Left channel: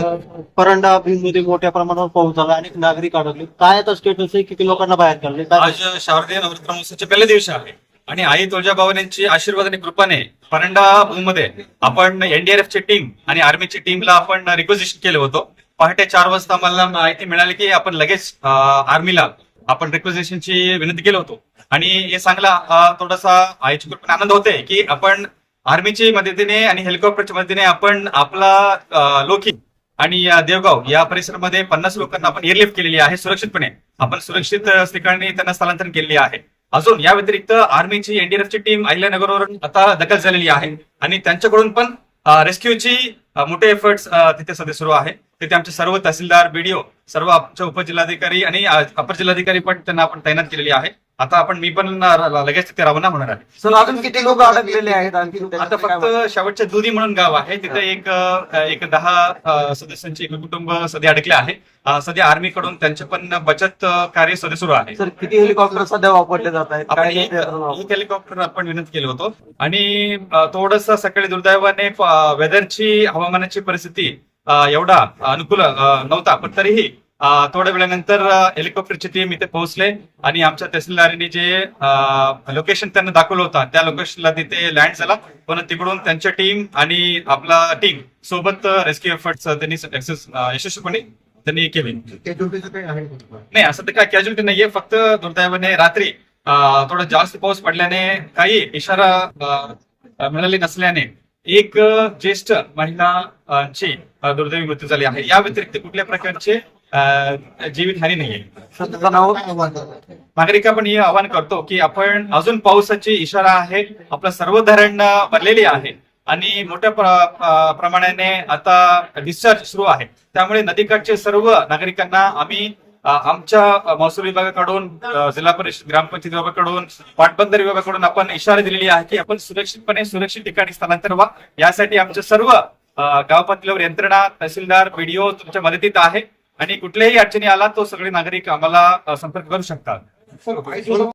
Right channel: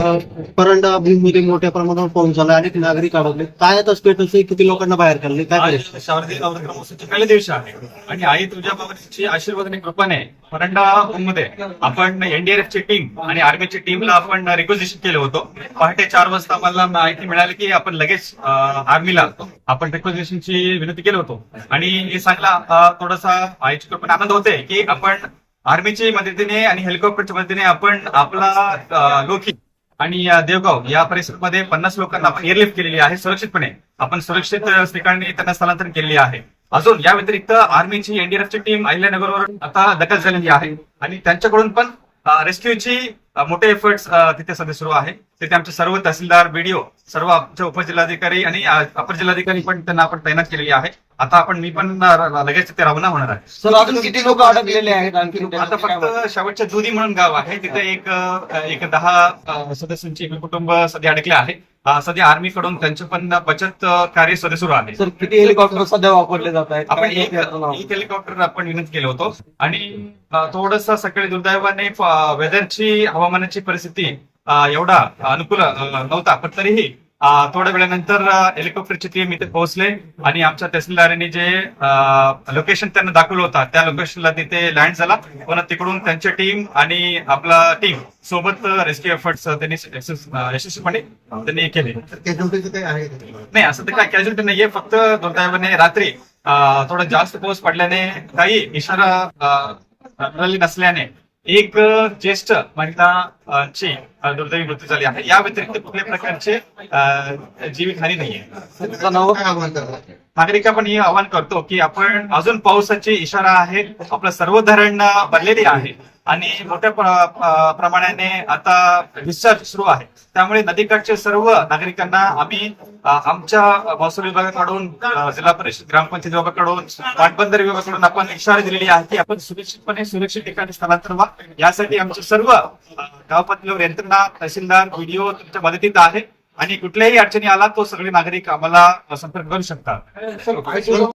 परंडा मध्ये मोठ्या प्रमाणावर पाऊस झाला अनेक नागरिक अडकले काय आता स्टेटस आहे? किती लोकांना बाहेर काढले? काय आज करायचं? शारदीय नवरात्र महोत्सवचे पहिल्या दिवशी आहे. आणि आई तुळजाभवानींची आशीर्वाद आणि कृपाने परंडा मध्ये आपण एनडीआरएफ ची टीम आणि आर्मीची टीमला आपण रिक्वेजिशन केलं होतं. पहाटे चार वाजता मला माहिती मिळाली की आपण लगेच आर्मीला आपण रिक्वेजिशनची विनंती केलं होतो. आणि हे सांगला अं, थोडासा आईची कृपेने आनंद होते की आपण आर्मीची मदतीने आणि हेलिकॉप्टरच्या मदतीने आपण आपला लोकी आणि देवगाव या परिसरामध्ये पन्नास लोकांना आपण एअरलिफ्ट केलेली आहे. सुरक्षितपणे आपण सुरक्षित ठिकाणी त्यांना स्थलांतरण केलेले आहे. अजून या व्यतिरिक्त आर्मीची एनडीआरएफची टीम अहिल्यानगरवर आता दखल झालेली आहे. आणि त्यांच्याकडून पण रेस्क्यूची मोठे एफर्ट्स तिथे सध्या सुरू आहे. तिथे आमचे सर्व तहसीलदार बीडीओ सर्व आमचे उपजिल्हाधिकारी आणि अपर जिल्हाधिकारी पण त्यांना आपण तैनात केलेली आहे. आता आपण मी पण लगेच तिथे रवाना होणार आहे. सर अजून किती लोक अडकलेले आहेत आणखी? आता फक्त शेवटच्या दुधी म्हणून गाव आहे. तिथे एक एक दहा सदस्यांचे एक कुटुंब सध्या अडकले आहे. सध्या आर्मीकडून त्यांचे पण बचत कार्य सध्या सुरू आहे. सर किती हेलिकॉप्टर सध्या वापरले जात आहेत? एक हेलिकॉप्टर आपण विनंती केलं होतो. आणि थोडस सकाळी दुर्दैवाने वेदरची हवामानाची परिस्थिती एवढा अनुकूल नव्हता. पण तरीही थोड्या वेळानंतर हेलिकॉप्टरची टीम इथे पोहोचले आणि आमच्या तहसीलदारांनी जे लोकेशन त्यांना दाखवलं होतं त्या लोकेशनला तिथे लँड झाला. पण तिकडून त्यांची टीम आणि आपला टीम सोबत रेस्क्यू एफर्ट्स त्यांनी यशस्वीपणे त्यांनी केले. नाही असं तर काय कॅज्युलिटी नाहीये. फक्त दुर्दैवाने रात्री थोडा जास्त पाऊस पडल्याने काही इशारा मिळाली नसल्याने एक ज्येष्ठ महिला ची दुर्दैवी मृत्यू झाली आहे. या व्यतिरिक्त कुठल्या प्रकारचे अं, जीवितहानी नाहीये? सर, तुझं नाव नागरिक आपण हे आवाहन करतो की आपण अजून पावसाची इशारा आहे आपलं सर्व धरण भरलेली आहे आणि मोठ्या प्रमाणाने आता डिस्चार्ज सुरू आहे. त्यामुळे नदीकाठचे सर्व नागरिकांना आम्ही आमच्या महसूल विभागाकडून जिल्हा परिषद ग्रामपंचायत विभागाकडून पाटबंदर विभागाकडून आपण इशारा दिलेली आहे की आपण सुरक्षितपणे सुरक्षित ठिकाणी स्थलांतर व्हा. यासाठी आमच्या सर्व अं, गाव पातळीवर यंत्रणा तहसीलदार बीडीओ तुमच्या मदतीत आहे. आणि कुठल्याही अडचणी आला तो सगळे नागरिक आम्हाला संपर्क करू शकतात.